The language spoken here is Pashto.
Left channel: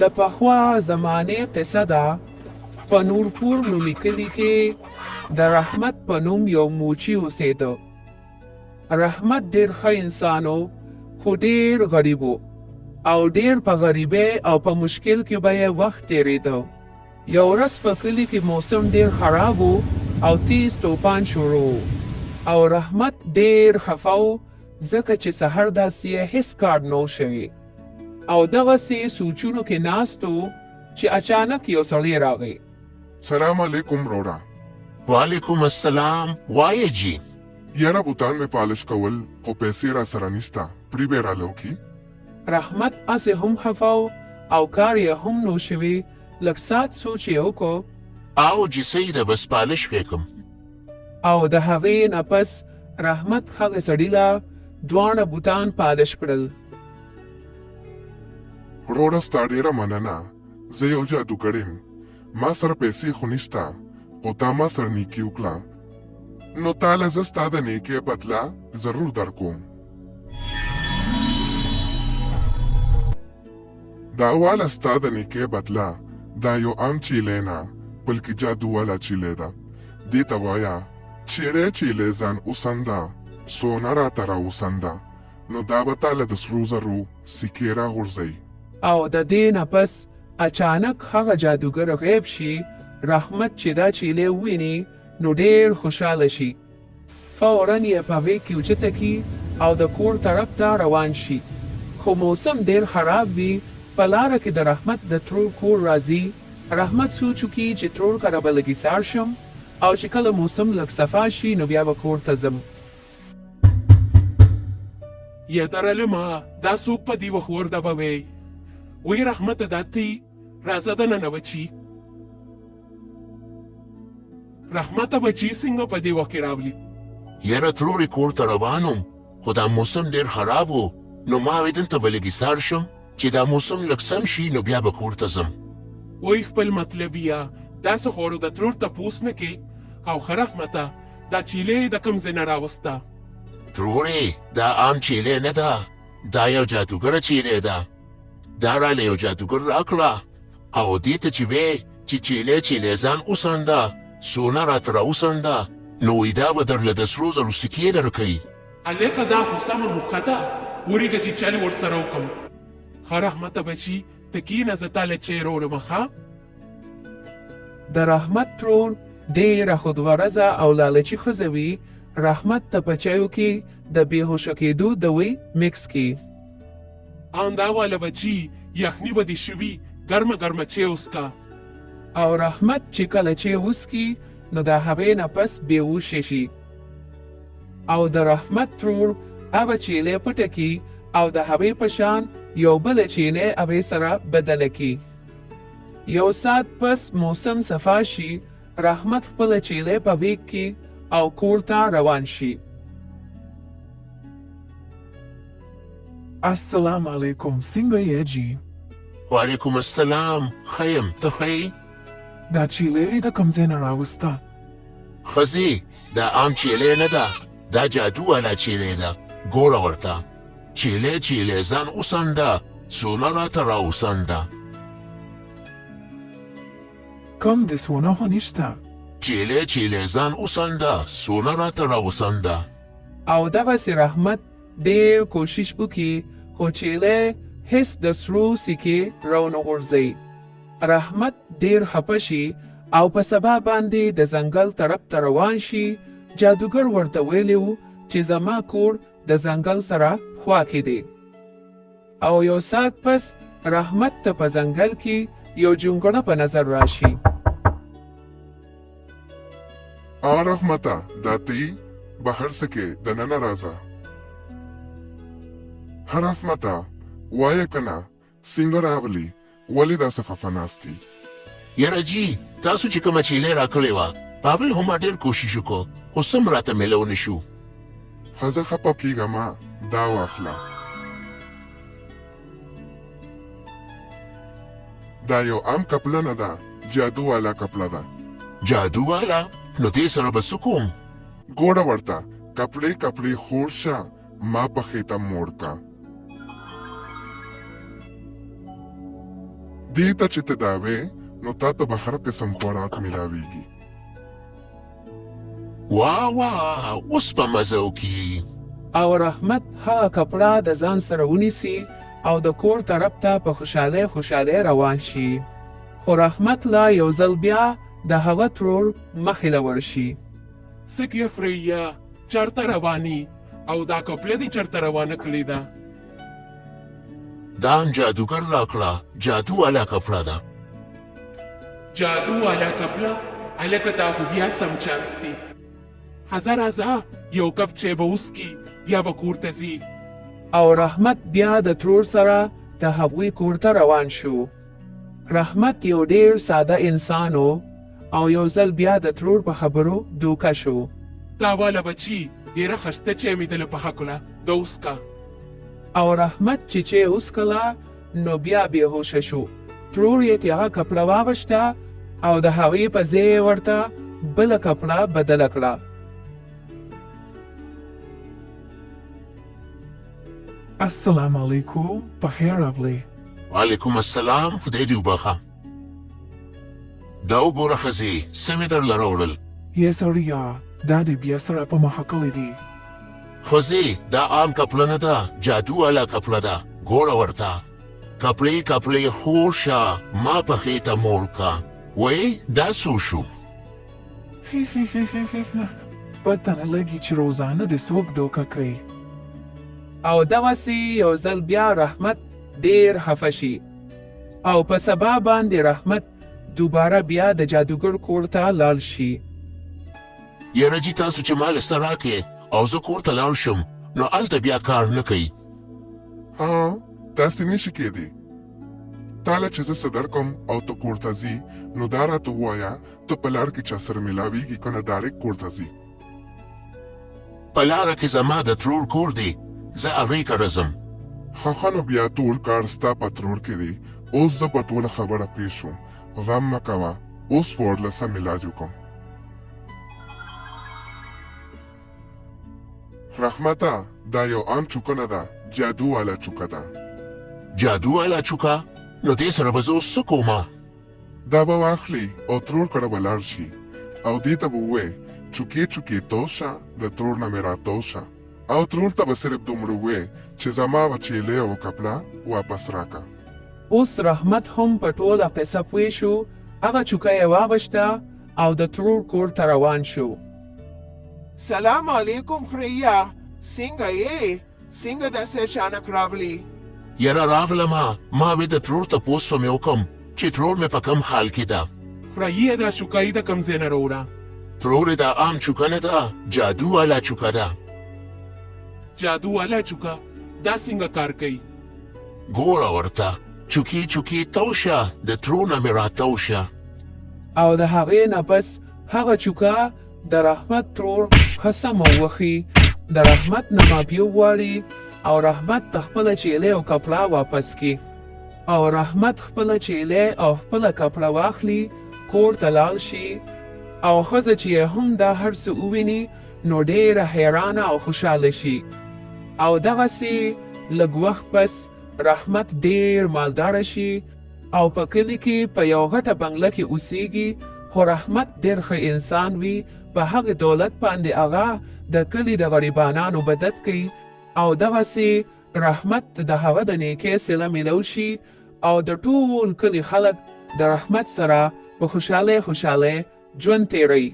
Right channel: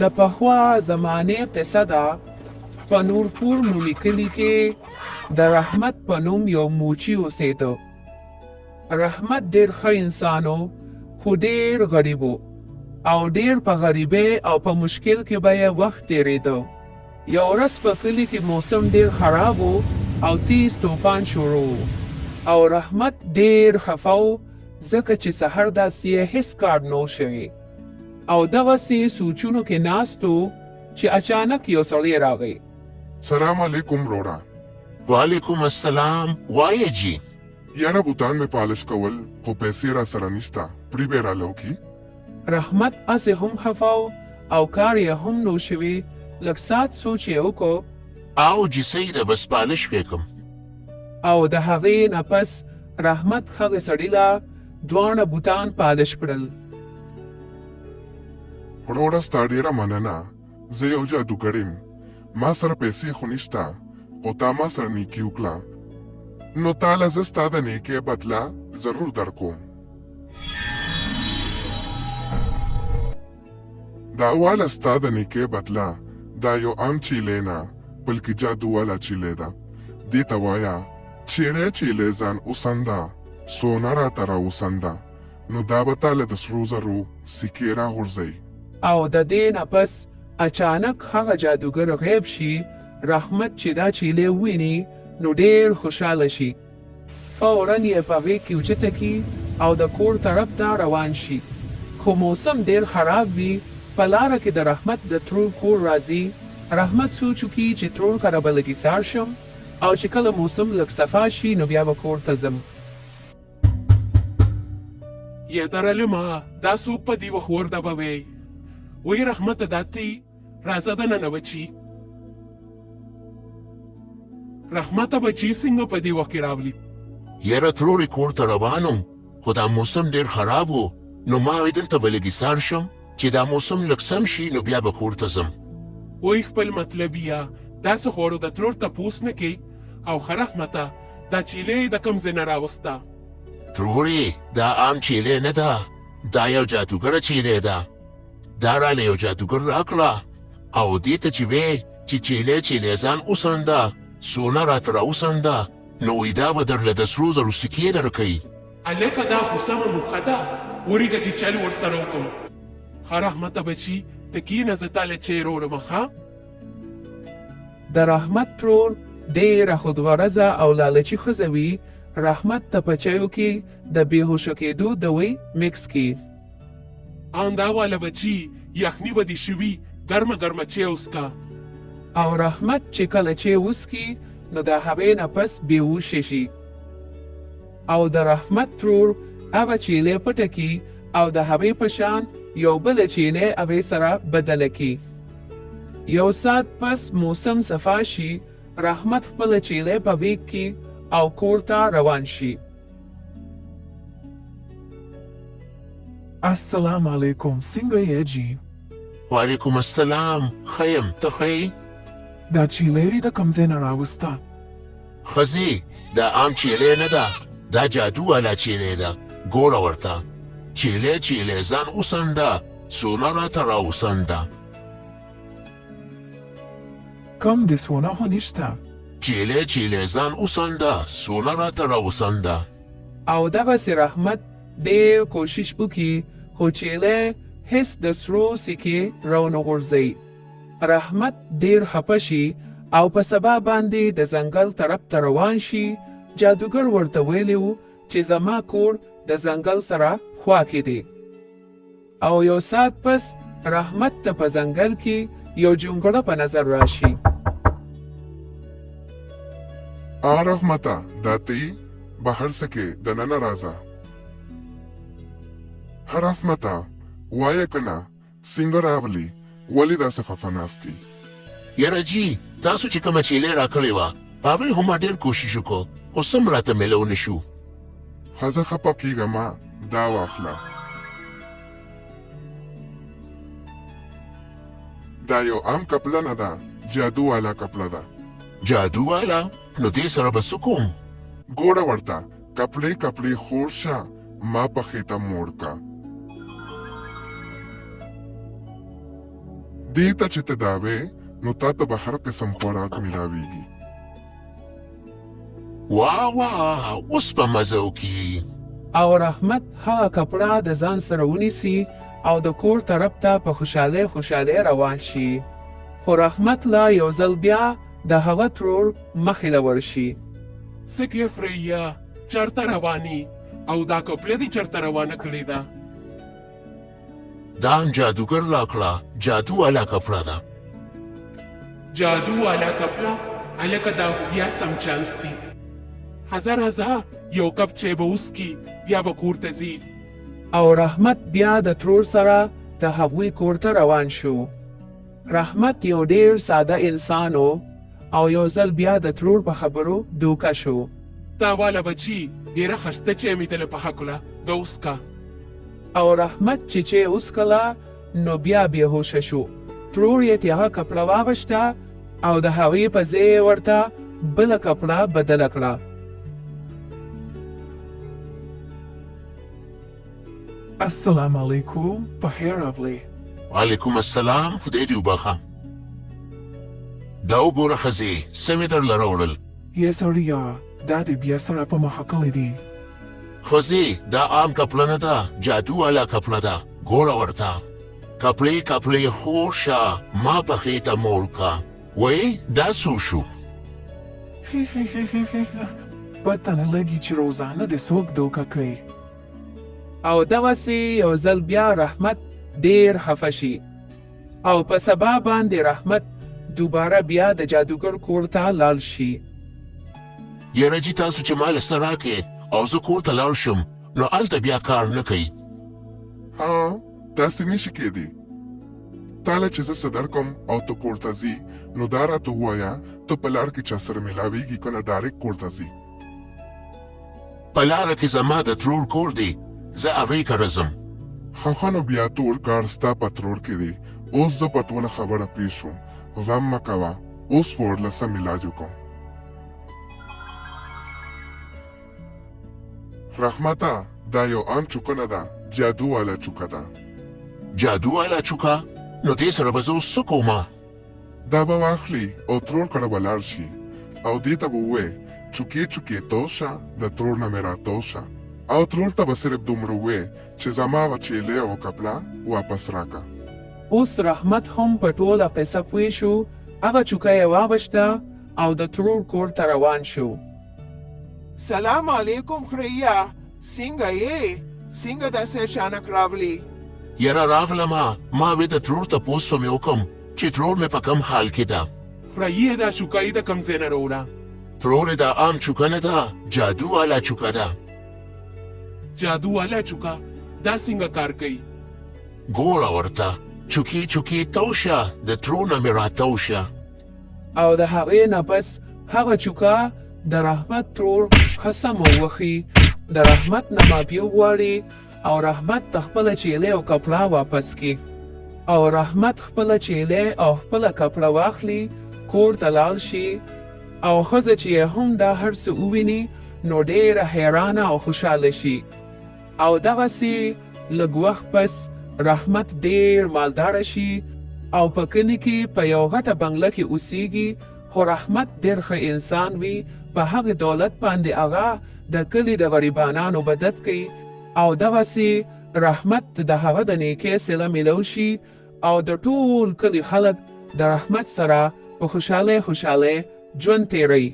د پخوا زمانې قصه ده. په نورپور نومي کلي کې د رحمت په نوم یو موچي اوسېده. رحمت ډېر ښه انسان و، خو ډېر غریب و او ډېر په غریبۍ او په مشکل کې به یې وخت تېرېده. یو ورځ په کلي کې موسم ډېر خراب و او تیز توپان شروع و او رحمت ډېر خفه و ځکه چې سحر داسې یې هېڅ کار نه و شوی او دغسې سوچونو کې ناست و چې اچانک یو سړی راغی. سلام علیکم روڑا. وعلیکم السلام. وایې جی یاره بوتان میں پالش کول خو پیسې را سره نشته، پړی به راله وکړي؟ رحمت هسې هم خفه و او کار یې هم نو شوی. لږ ساعت سوچ یې وکړو او جی سیده بس پالش وکم. او د هغې نه پس رحمت هغې سړي له دواړه بوتان پالش کړل. روڑا ستا ډېره مننه. زه یو جادوګر یم، ما سره پیسې خو نشته، خو تا ما سره نیکي وکړه، نو تاله زه ستا د نیکۍ بدله ضرور درکوم. دا واله ستا د نیکۍ بدله دا یو عام چیلې نه بلکې جادو والا چیلې ده. دې ته وایه چیړی چیلې ځان اوسنده، سونه راته راوسنده، نو دا به تاله د سرو زرو سکې راغورځوي. او د دې نه پس اچانک هغه جادوګر غیب شي. رحمت چې دا چیلې وویني نو ډېر خوشحاله شي. فوراً یې په غېږ کې اوچته کړي او د کور طرف ته روان شي. خو موسم ډېر خراب وي. په لاره کې د رحمت د ترور کور راځي. رحمت سوچ وکړي چې ترور کره به لږ ایسار شم او چې کله موسم لږ صفا شي نو بیا به کور ته ځم. یا درلمه دا څوک په دې وخت ورده به وی؟ وی رحمت داتې راځه دننه بچي. رحمته بچي څنګه په دې وخت کې راغلي؟ یاره ترورې کور ته روان وم، خو دا موسم ډېر خراب و، نو ما وې دلته به لږ ایسار شم چې دا موسم لږ سم شي نو بیا به کور ته ځم. وی خپل مطلب یا داسې خورو د ترور تپوس نه کوي. او ښه رحمته دا چیلې د کوم ځای نه راوسته؟ ترورې دا عام چیلې نه ده، دا یو جادوګره چیلې ده. دا راله یو جادوګر راکړه او دې ته چې وې چې چیلې ځان اوسنده، سونه راته راوسنده، نو وی دا به درله د سرو زرو سکې درکوي. هلکه دا خو سمه موښه ده، وریږه چې چل ورسره وکړم. ښه رحمته بچي ته کښېنه، زه تاله چای راوړم. ښه د رحمت ترور ډېره خودغرضه او لالچي ښځه وي. رحمت ته په چایو کې د بېهوشه کېدو دوی مکس کړي. ان دا واله بچي یخني به دې شوي، ګرمه ګرمه چای وڅښه. او رحمت چې کله چای وڅښي نو د هغې نه پس بېهوشه شي. او د رحمت ترور هغه چیلې پټه کړي او د هغې په شان یو بله چیلې هغې سره بدله کړي. یو ساعت پس موسم صفا شي. رحمت خپله چیلې په غېږ کې او کور ته روان شي. السلام علیکم، څنګه یې جی؟ وعلیکم السلام. ښه یم، ته ښه یې؟ دا چیلې د کوم ځای نه راوسته؟ ښځې دا عام چیلې نه ده، دا جادو والا چیلې ده. ګوره ورته چیلې ځان اوسنده، سونه راته راوسنده. کم د سونه خو نشته. چیلې ځان اوسنده، سونه راته راوسنده. او دغسې رحمت ډېر کوشش وکړي خو چیلې هېڅ د سرو سکې راونه غورځوي. رحمت ډېر خفه شي او په سبا باندې د ځنګل طرف ته روان شي. جادوګر ورته ویلی و چې زما کور د ځنګل سره خوا کې دی. او یو ساعت پس رحمت ته په ځنګل کې یو جونګړه په نظر راشي. رحمته دا تی بهر سکې دننه راځه. ښه رحمته وایه که نه څنګه راغلي، ولې داسې خفه ناست یې؟ یاره جی تاسو چې کومه چیلې راکړې وه په هغې خو ما ډېر کوشش وکړو، خو سم راته میلو نه شو. ښځه خفه کېږه ما، دا واخله. دا یو عام کپله نه ده، جادو والا کپله ده. جادو والا؟ نو دې سره به څه کوم؟ ګوره ورته کپړې خور شه، ما په خېټه موړ کا. دې ته چې ته داوې نو تا ته به هر قسم خوراک ملاویږي. واه اوس په مزه وکړي. او رحمت هغه کپړه د ځان سره ونیسي او د کور طرف ته په خوشحالۍ روان شي. خو رحمت لا یو ځل بیا د هغه ترور مخې له ورشي. څه کې فریا چرته رواني او دا کپړه دې چرته روانه کړې ده؟ دا جادوګر راکړه، جادو والا کپړه ده. جادو والا کپړه هلکه دا خو بیا سم چانس دی. هزار یو کپ چای به وڅښي بیا به کور ته ځي. او رحمت بیا د ترور سره د هغوی کور ته روان شو. رحمت یو ډیر ساده انسان و او یو ځل بیا د ترور په خبرو دوکه شو. دا والا بچي ډېره ښایسته چای مې دله پخه کړه، دا وڅښه. او رحمت چې چای وڅښله نو بیا بېهوشه شو. ترور یې هغه کپړه واغوسته او د هغې په ځای یې ورته بله کپړه بدله کړه. السلام علیکم، بخیر راغلی. وعلیکم السلام، خدای دې وبخښه. دا وګوره ښځې، څه مې درله راوړل. یا سړیه، دا دې بیا سره په مخه کړی دی. ښځې، دا عام کپړه نه ده، جادو والا کپړه ده. ګوره ورته کپړې خور شه، ما پښې ته موړ که. وایي دا څو شو؟ پته نه لګي چې روزانه دې څوک دوکه کوي. او دغسې یو ځل بیا رحمت ډیر خفه شي او په سبا باندې رحمت دوباره بیا د جادوګر کور ته لاړ شي. یاره جي تاسو چې ما له څه راکړې او زه کور ته لاړ شم نو هلته بیا کار نه کوي. ها داسې نشي کېدی. تا له چې زه څه درکړم او ته کور ته ځي نو دا راته ووایه ته په لار کې چا سره ملاویږي که نه ډایرکټ کور ته ځي. په لاره کې زما د ترور کور دی، زه هغې ته رځم. ښه نو بیا ټول کار ستا په ترور کې دی. اوس زه په ټوله خبره پوه شوم. غم مه کوه، اوس به ورله سم علاج وکړم. رحمته، دا یو عام چوکه نه ده، جادو والا چوکه ده. جادو والا چوکه؟ نو دې سره به زه اوس څه کومه؟ دا به واخلي او ترور کره به لاړ شي او دې ته به ووایې چوکې تو شه، د ترور نه مې راتاو شه. او ترور ته به صرف دومره ووایې چې زما هغه چیلۍ او کپړه واپس راکړه. اوس رحمت هم په ټوله قصه پوه شو. هغه چوکه یې واغوسته او د ترور کور ته روان شو. سلام علیکم خریا، څنګه یې؟ څنګه داسې اچانک راغلی؟ یاره راغلمه، ما مې د ترور تپوس مې وکړم چې ترور مې په کوم حال کې ده. فریا دا شوکایي د کوم ځای نه راوړه؟ ترور دا عام چوکه نه ده، جادو والا چوکه ده. جادو والا چوکه دا څنګه کار کوي؟ ګوره ورته چوکې تو شه، د ترور نه مې راتاو شه. او د هغې نه پس هغه چوکه د رحمت ترور ښه سمه ووښي. د رحمت نه معافي وغواړي او رحمت د خپله چیلۍ او کپړه واپس کړي. او رحمت خپله چیلۍ او خپله کپړه واخلي، کور ته لاړ شي. او ښځه چې یې هم دا هر څه وویني نو ډېره حیرانه او خوشحاله شي. او دغسې لږ وخت پس رحمت ډېر مالداره شي او په کلي کې په یو غټه بنګله کې اوسیږي. خو رحمت ډېر ښه انسان وي. په هغه دولت باندې هغه د کلي د غریبانانو مدد کوي. او دغسې رحمت د هغه د نیکۍ صله میلو شي او د ټول کلي خلک د رحمت سره په خوشحالۍ ژوند تیروي.